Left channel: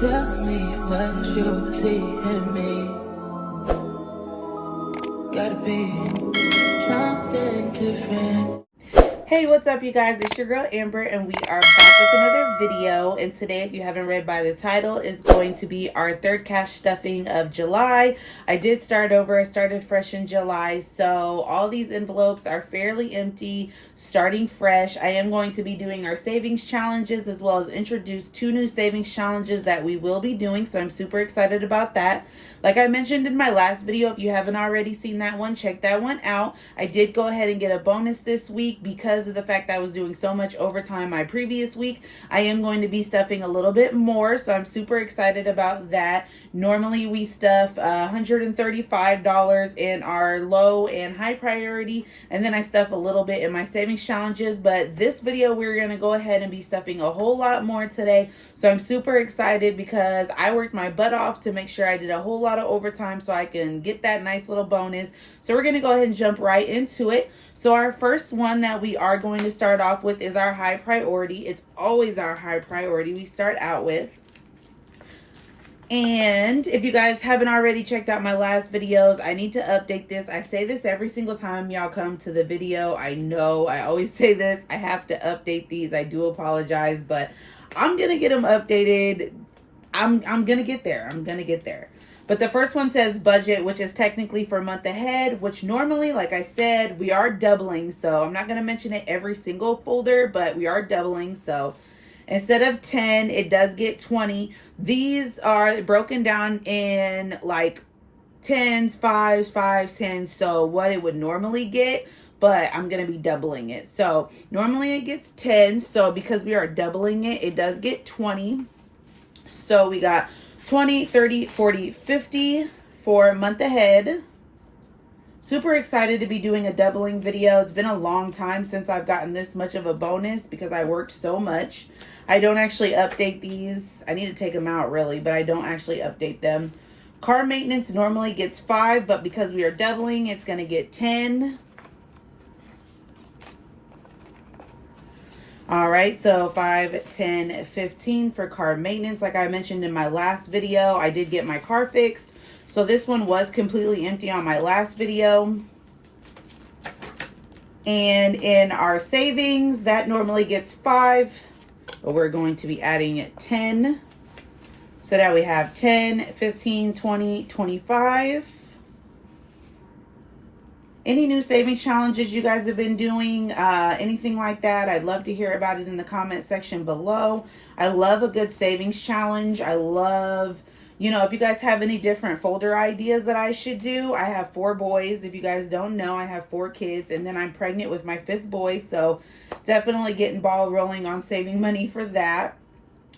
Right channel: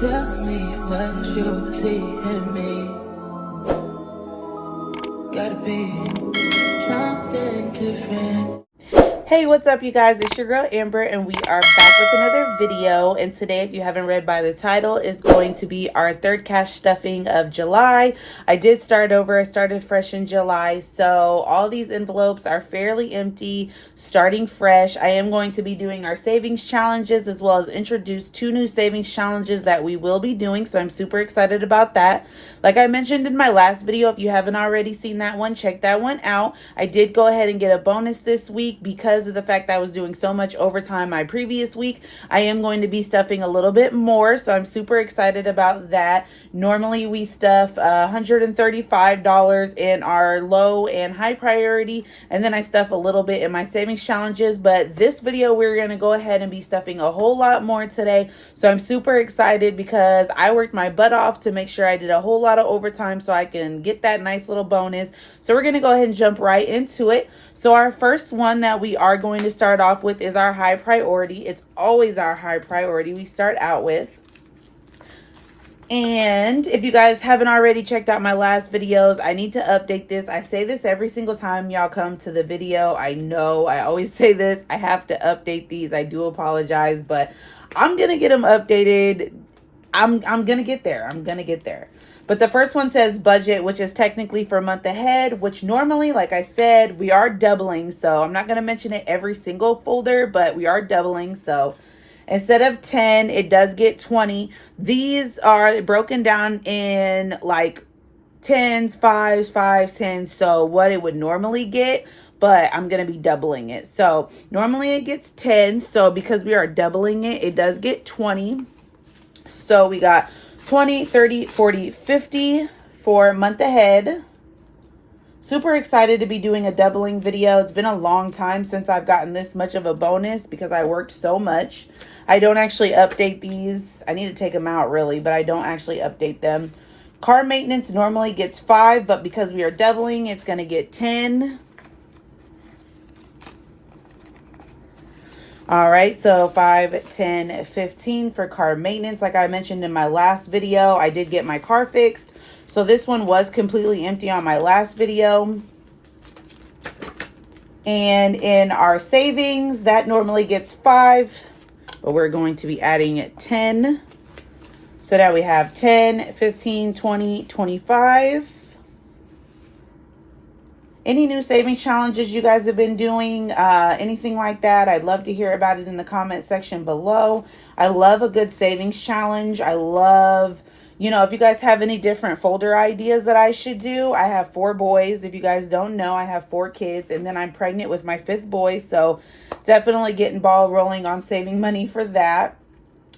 Tell me what you see in me. Gotta be something different. Hey, what's up, you guys? It's your girl Amber, and we are back with another video. And today, if you haven't read by the title, is going to be our third cash stuffing of July. I did start over. I started fresh in July, so all these envelopes are fairly empty, starting fresh. I am going to be doing our savings challenges, as well as introduce 2 new savings challenges that we will be doing, so I'm super excited about that. Like I mentioned in my last video, if you haven't already seen that one, check that one out. I did go ahead and get a bonus this week because of the fact that I was doing so much overtime my previous week. I am going to be stuffing a little bit more, so I'm super excited about that. Normally we stuff $135 in our low and high priority, and then I stuff a little bit in my savings challenges, but this video we're going to go ahead and be stuffing a whole lot more today. So I'm super excited because I worked my butt off to make sure I did a whole lot of overtime so I can get that nice little bonus. So we're going to go ahead and jump right into it. So our first one that we are going to start off with is our high priority. It's always our high priority we start out with. And if you guys haven't already checked out my last videos, I need to update this. I say this every single time y'all come to the video. I know I always say this. I have to update these. I do apologize, but I'm going to get them updated. I'm going to get there. I'm going to get there. But the first one says budget, which is technically for a month ahead, which normally, like I said, we are doubling. So I'm not going to mention it every single folder, but we are doubling. So instead of 10, it does get 20. These are broken down in like 10s, 5s, 5s, 10s. So what it would normally get, but I'm going to be doubling it. So normally it gets 10. So because we are doubling it, it does get 20. So we got 20, 30, 40, 50 for month ahead. Super excited to be doing a doubling video. It's been a long time since I've gotten this much of a bonus because I worked so much. I don't actually update these. I need to take them out really, but I don't actually update them. Car maintenance normally gets 5, but because we are doubling, it's going to get 10. All right, so 5, 10, 15 for car maintenance. Like I mentioned in my last video, I did get my car fixed. So this one was completely empty on my last video. And in our savings, that normally gets 5, but we're going to be adding 10. So now we have 10, 15, 20, 25. Any new savings challenges you guys have been doing, anything like that, I'd love to hear about it in the comment section below. I love a good savings challenge. I love, if you guys have any different folder ideas that I should do. I have 4 boys. If you guys don't know, I have 4 kids, and then I'm pregnant with my 5th boy. So definitely getting ball rolling on saving money for that.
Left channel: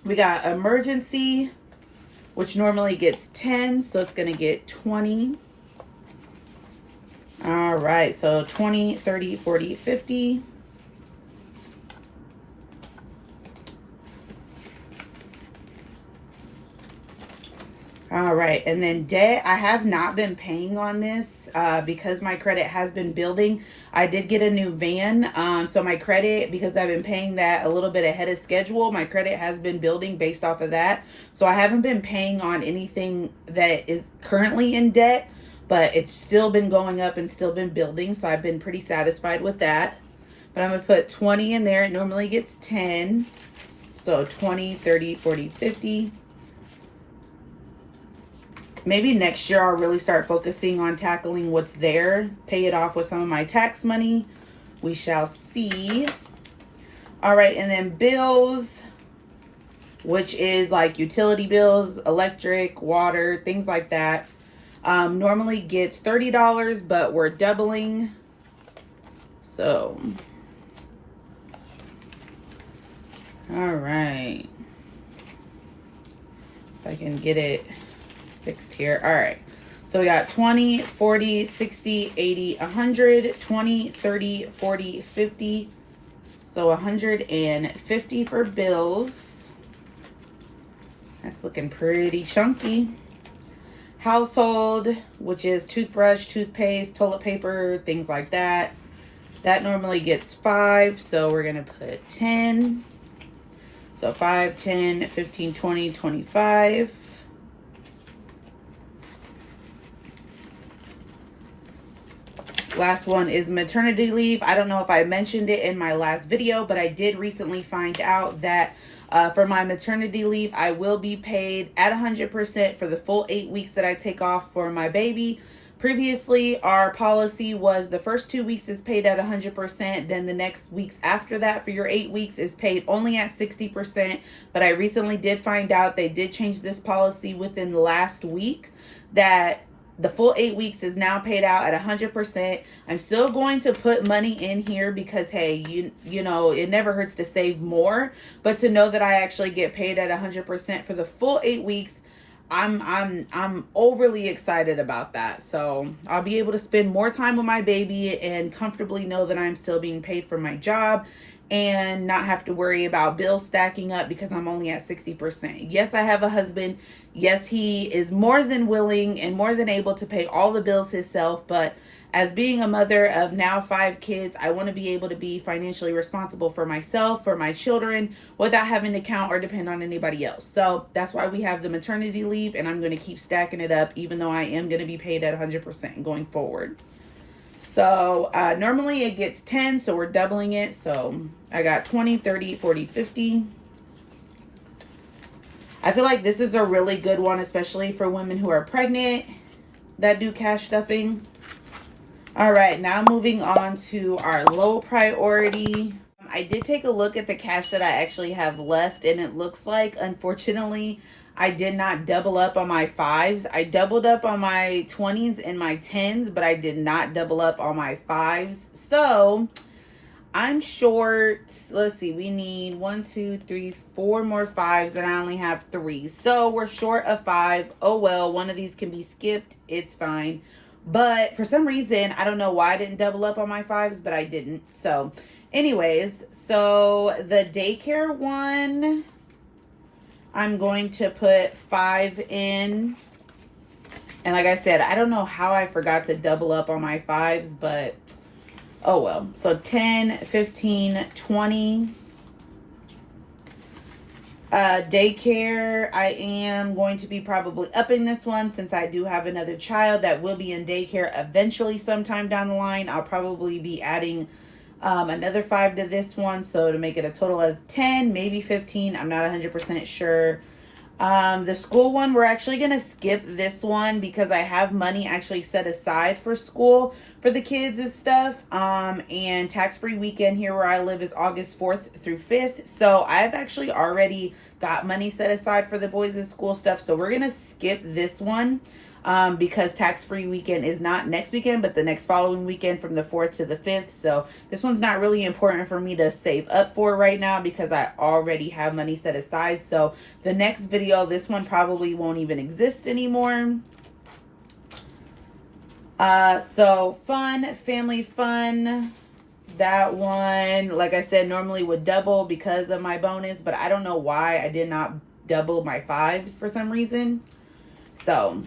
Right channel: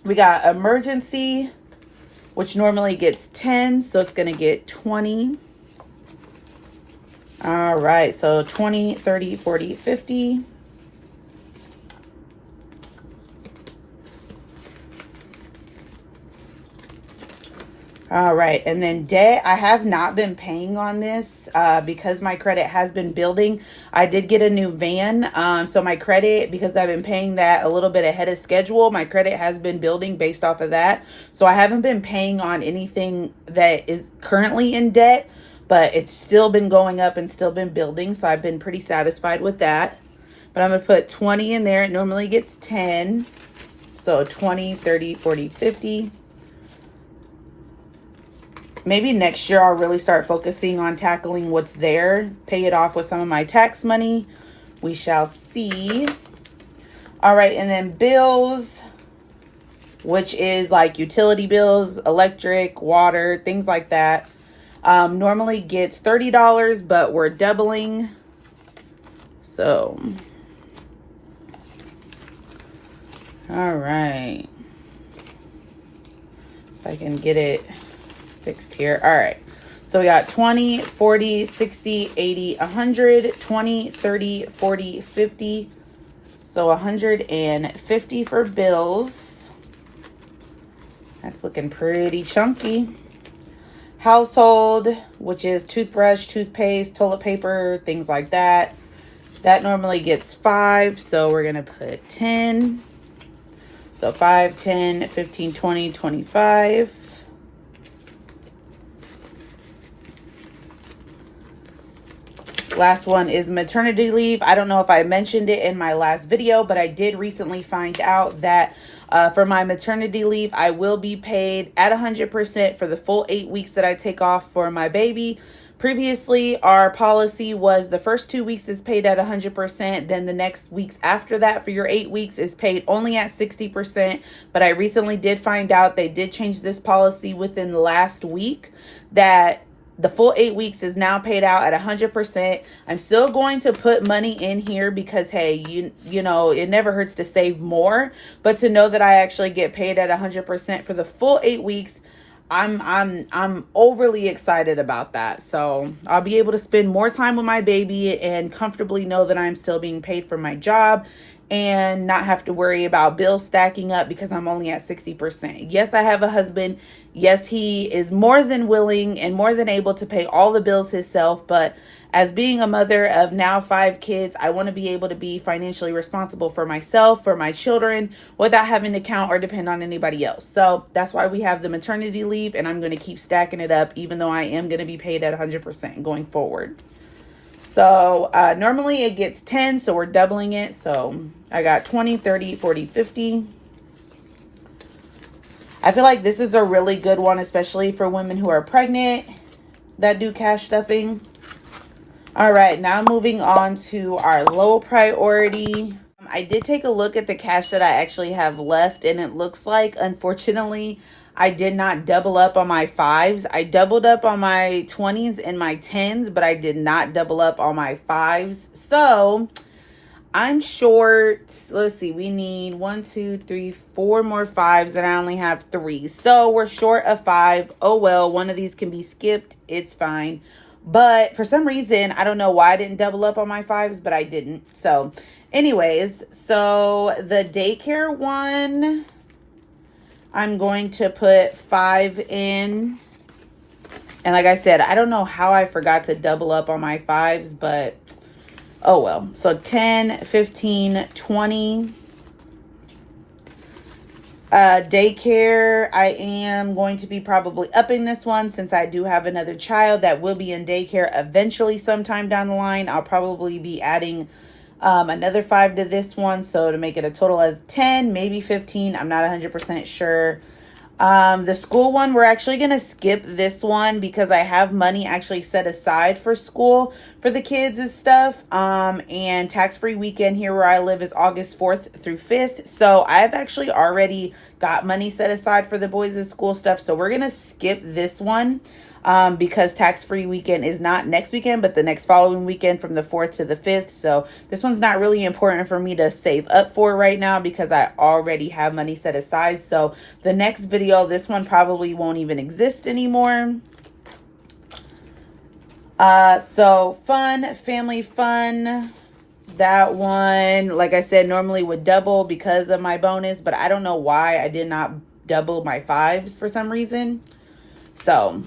We got emergency, which normally gets 10, so it's going to get 20. All right, so 20, 30, 40, 50. All right, and then debt, I have not been paying on this because my credit has been building. I did get a new van, so my credit, because I've been paying that a little bit ahead of schedule, my credit has been building based off of that. So I haven't been paying on anything that is currently in debt, but it's still been going up and still been building, so I've been pretty satisfied with that. But I'm going to put 20 in there. It normally gets 10. So 20, 30, 40, 50. Maybe next year I'll really start focusing on tackling what's there. Pay it off with some of my tax money. We shall see. All right, and then bills, which is like utility bills, electric, water, things like that. Normally gets $30, but we're doubling. So, all right. If I can get it fixed here. All right. So we got 20, 40, 60, 80, 100, 20, 30, 40, 50. So 150 for bills. That's looking pretty chunky. Household, which is toothbrush, toothpaste, toilet paper, things like that. That normally gets 5, so we're going to put 10. So 5, 10, 15, 20, 25. Last one is maternity leave. I don't know if I mentioned it in my last video, but I did recently find out that for my maternity leave, I will be paid at 100% for the full 8 weeks that I take off for my baby. Previously, our policy was the first 2 weeks is paid at 100%. Then the next weeks after that for your 8 weeks is paid only at 60%. But I recently did find out they did change this policy within the last week that the full 8 weeks is now paid out at 100%. I'm still going to put money in here because, hey, you know, it never hurts to save more. But to know that I actually get paid at 100% for the full 8 weeks, I'm overly excited about that. So I'll be able to spend more time with my baby and comfortably know that I'm still being paid for my job and not have to worry about bills stacking up because I'm only at 60%. Yes, I have a husband. Yes, he is more than willing and more than able to pay all the bills himself. But as being a mother of now 5 kids, I want to be able to be financially responsible for myself, for my children, without having to count or depend on anybody else. So that's why we have the maternity leave, and I'm going to keep stacking it up, even though I am going to be paid at 100% going forward. So normally it gets 10, so we're doubling it. So I got 20, 30, 40, 50. I feel like this is a really good one, especially for women who are pregnant that do cash stuffing. All right, now moving on to our low priority. I did take a look at the cash that I actually have left, and it looks like, unfortunately, I did not double up on my 5s. I doubled up on my 20s and my 10s, but I did not double up on my 5s. So I'm short. Let's see. We need 1, 2, 3, 4 more 5s, and I only have 3. So we're short of 5. Oh, well, one of these can be skipped. It's fine. But for some reason, I don't know why I didn't double up on my 5s, but I didn't. So anyways, so the daycare one, I'm going to put 5 in. And like I said, I don't know how I forgot to double up on my 5s, but oh well. So 10, 15, 20. Daycare, I am going to be probably upping this one since I do have another child that will be in daycare eventually sometime down the line. I'll probably be adding another 5 to this one, so to make it a total as 10, maybe 15. I'm not 100% sure. The school one, we're actually going to skip this one because I have money actually set aside for school for the kids and stuff. And tax-free weekend here where I live is August 4th through 5th. So I've actually already got money set aside for the boys' school stuff. So we're going to skip this one. Because tax-free weekend is not next weekend, but the next following weekend from the 4th to the 5th. So this one's not really important for me to save up for right now because I already have money set aside. So the next video, this one probably won't even exist anymore. So fun, family fun. That one, like I said, normally would double because of my bonus, but I don't know why I did not double my 5s for some reason. So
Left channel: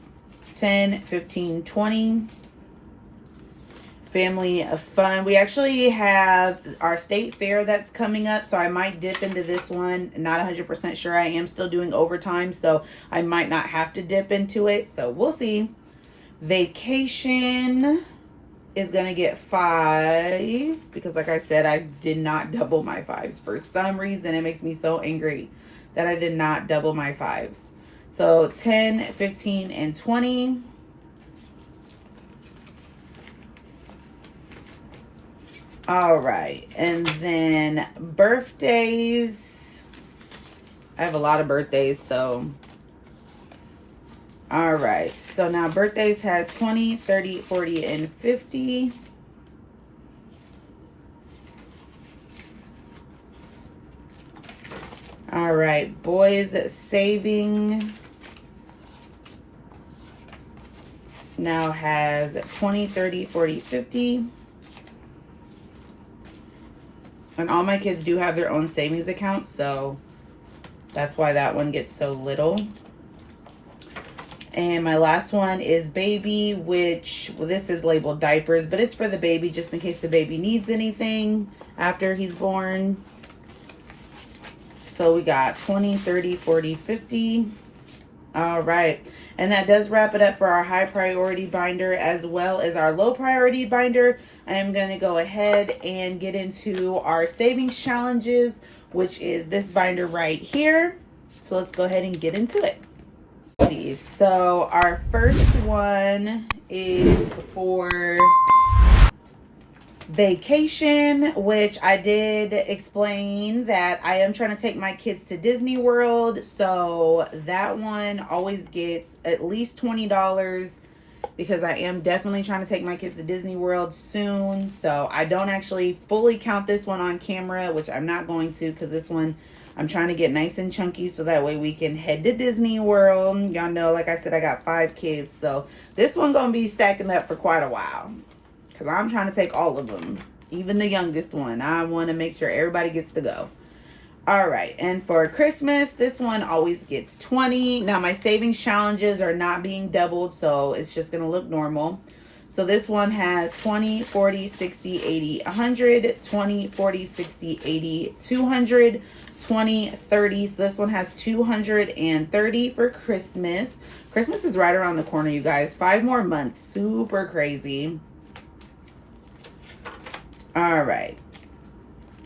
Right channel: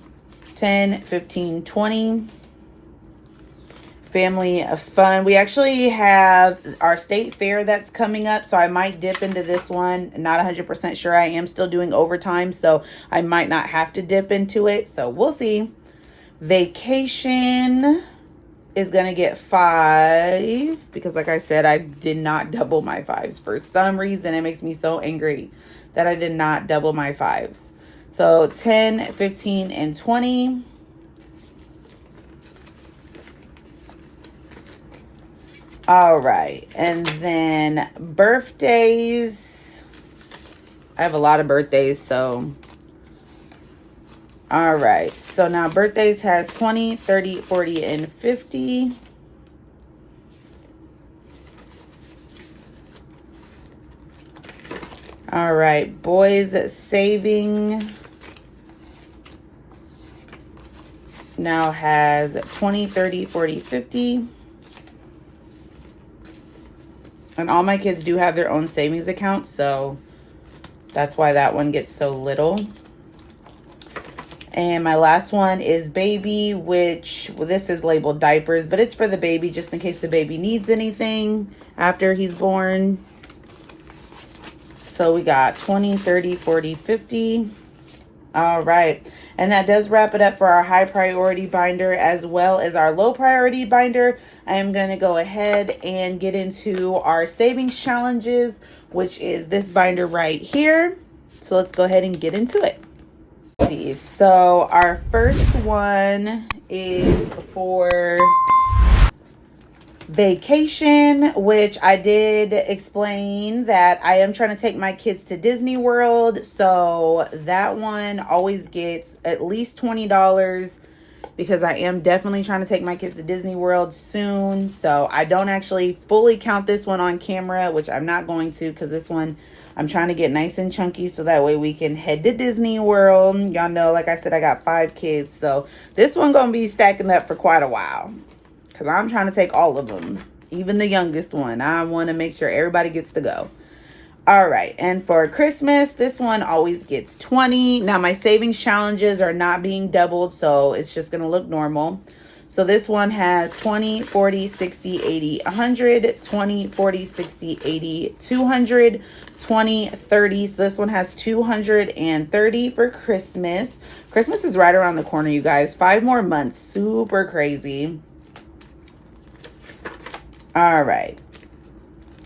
10, 15, 20. Family of fun. We actually have our state fair that's coming up, so I might dip into this one. Not 100% sure. I am still doing overtime, so I might not have to dip into it. So we'll see. Vacation is going to get 5 because, like I said, I did not double my 5s. For some reason, it makes me so angry that I did not double my 5s. So 10, 15, and 20. All right. And then birthdays. I have a lot of birthdays, so. All right. So now birthdays has 20, 30, 40, and 50. All right. Boys saving now has 20, 30, 40, 50. And all my kids do have their own savings account, so that's why that one gets so little. And my last one is baby, which, well, this is labeled diapers, but it's for the baby just in case the baby needs anything after he's born. So we got 20, 30, 40, 50. All right. And that does wrap it up for our high priority binder as well as our low priority binder. I am going to go ahead and get into our savings challenges, which is this binder right here. So let's go ahead and get into it. So our first one is for vacation, which I did explain that I am trying to take my kids to Disney World. So that one always gets at least $20 because I am definitely trying to take my kids to Disney World soon. So I don't actually fully count this one on camera, which I'm not going to, because this one I'm trying to get nice and chunky so that way we can head to Disney World. Y'all know, like I said, I got 5 kids. So this one gonna be stacking up for quite a while, because I'm trying to take all of them, even the youngest one. I want to make sure everybody gets to go. All right, and for Christmas, this one always gets 20. Now, my savings challenges are not being doubled, so it's just going to look normal. So this one has 20, 40, 60, 80, 100, 20, 40, 60, 80, 200, 20, 30. So this one has 230 for Christmas. Christmas is right around the corner, you guys. 5 more months. Super crazy. All right.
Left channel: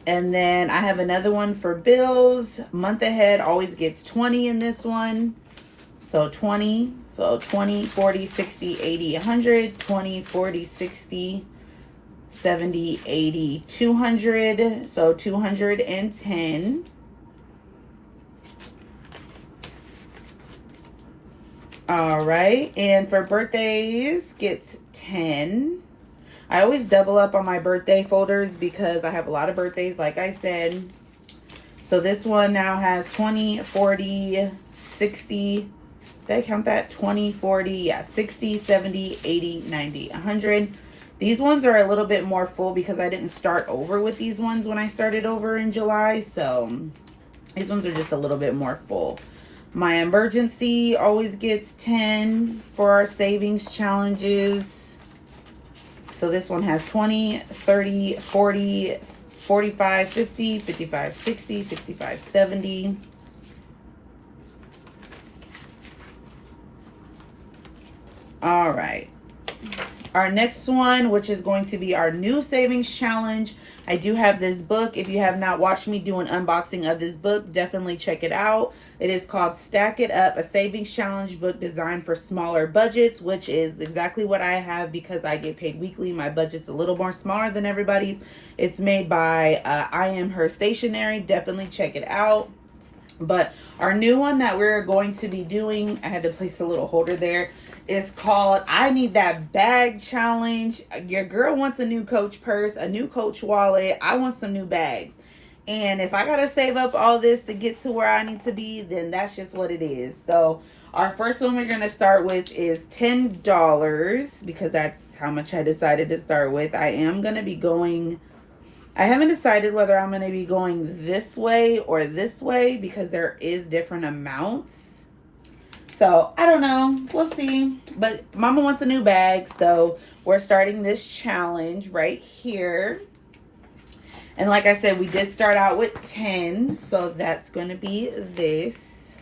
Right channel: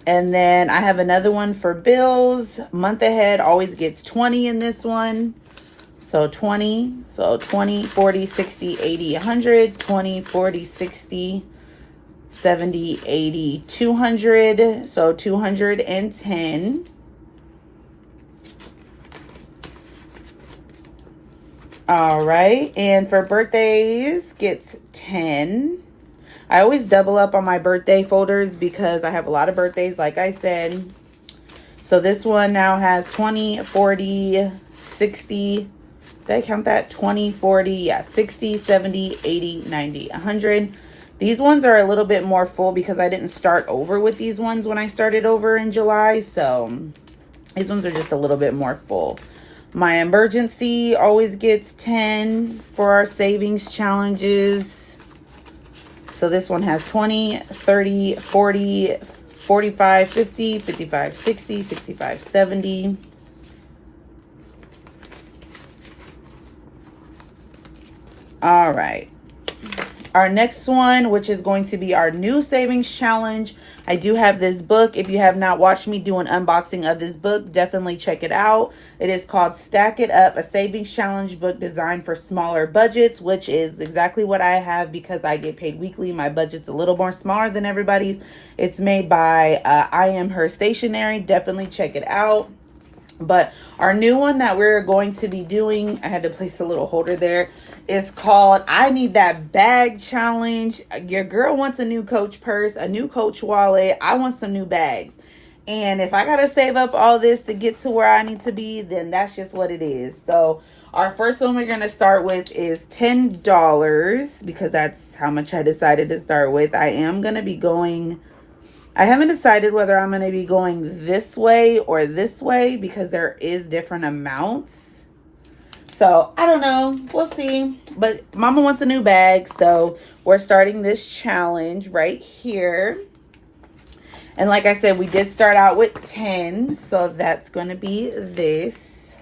And then I have another one for bills. Month ahead always gets 20 in this one. So 20. So 20, 40, 60, 80, 100, 20, 40, 60, 70, 80, 200. So 210. All right. And for birthdays gets 10. I always double up on my birthday folders because I have a lot of birthdays, like I said. So this one now has 20, 40, 60. Did I count that? 20, 40, yeah, 60, 70, 80, 90, 100. These ones are a little bit more full because I didn't start over with these ones when I started over in July. So these ones are just a little bit more full. My emergency always gets 10 for our savings challenges. So this one has 20, 30, 40, 45, 50, 55, 60, 65, 70. All right. Our next one, which is going to be our new savings challenge. I do have this book. If you have not watched me do an unboxing of this book, definitely check it out. It is called Stack It Up, a savings challenge book designed for smaller budgets, which is exactly what I have because I get paid weekly. My budget's a little more smaller than everybody's. It's made by I Am Her Stationery. Definitely check it out. But our new one that we're going to be doing, I had to place a little holder there, is called I Need That Bag Challenge. Your girl wants a new Coach purse, a new Coach wallet. I want some new bags. And if I got to save up all this to get to where I need to be, then that's just what it is. So our first one we're going to start with is $10 because that's how much I decided to start with. I am going to be going, I haven't decided whether I'm going to be going this way or this way because there is different amounts. So I don't know. We'll see. But Mama wants a new bag. So we're starting this challenge right here. And like I said, we did start out with 10. So that's going to be this.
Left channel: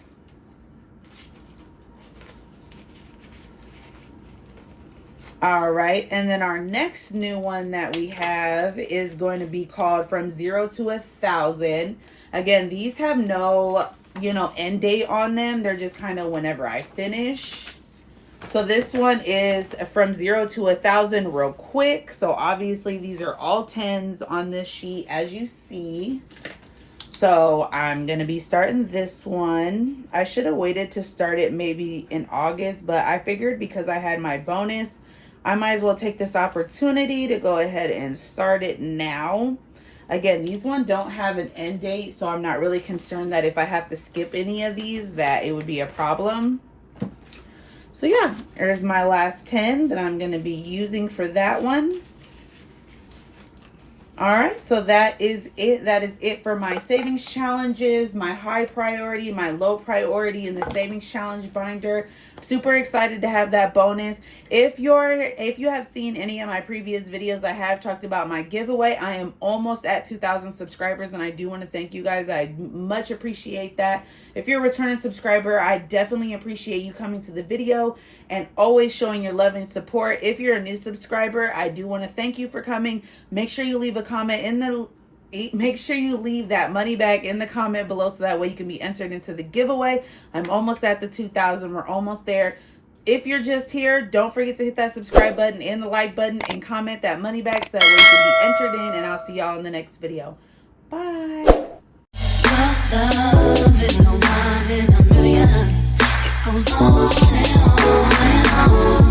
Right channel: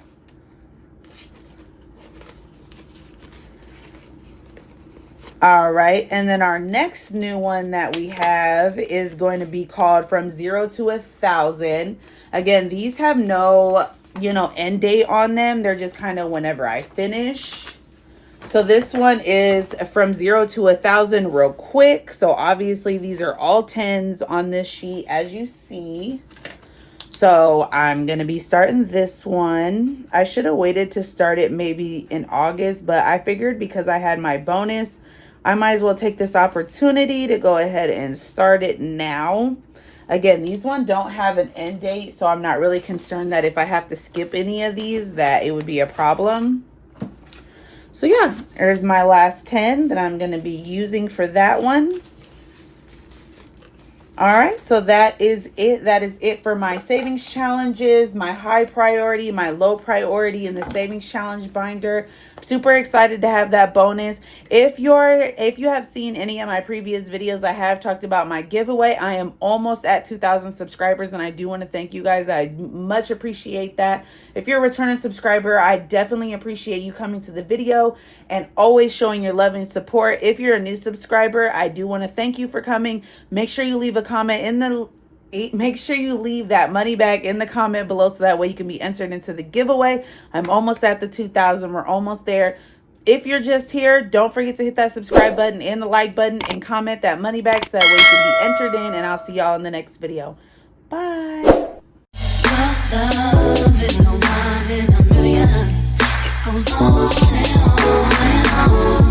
All right. And then our next new one that we have is going to be called From 0 to 1,000. Again, these have no, end date on them. They're just kind of whenever I finish. So this one is from 0 to 1,000 real quick. So obviously these are all 10s on this sheet, as you see. So I'm going to be starting this one. I should have waited to start it maybe in August, but I figured because I had my bonus, I might as well take this opportunity to go ahead and start it now. Again, these ones don't have an end date, so I'm not really concerned that if I have to skip any of these, that it would be a problem. So yeah, there's my last 10 that I'm going to be using for that one. All right, so that is it. That is it for my savings challenges, my high priority, my low priority in the savings challenge binder. Super excited to have that bonus. If you have seen any of my previous videos, I have talked about my giveaway. I am almost at 2,000 subscribers, and I do want to thank you guys. I much appreciate that. If you're a returning subscriber, I definitely appreciate you coming to the video and always showing your love and support. If you're a new subscriber, I do want to thank you for coming. Make sure you leave a comment make sure you leave that money bag in the comment below so that way you can be entered into the giveaway. I'm almost at the 2,000. We're almost there. If you're just here, don't forget to hit that subscribe button and the like button and comment that money bag so that way you can be entered in, and I'll see y'all in the next video. Bye. Love is a one in a million. It goes on and on and on.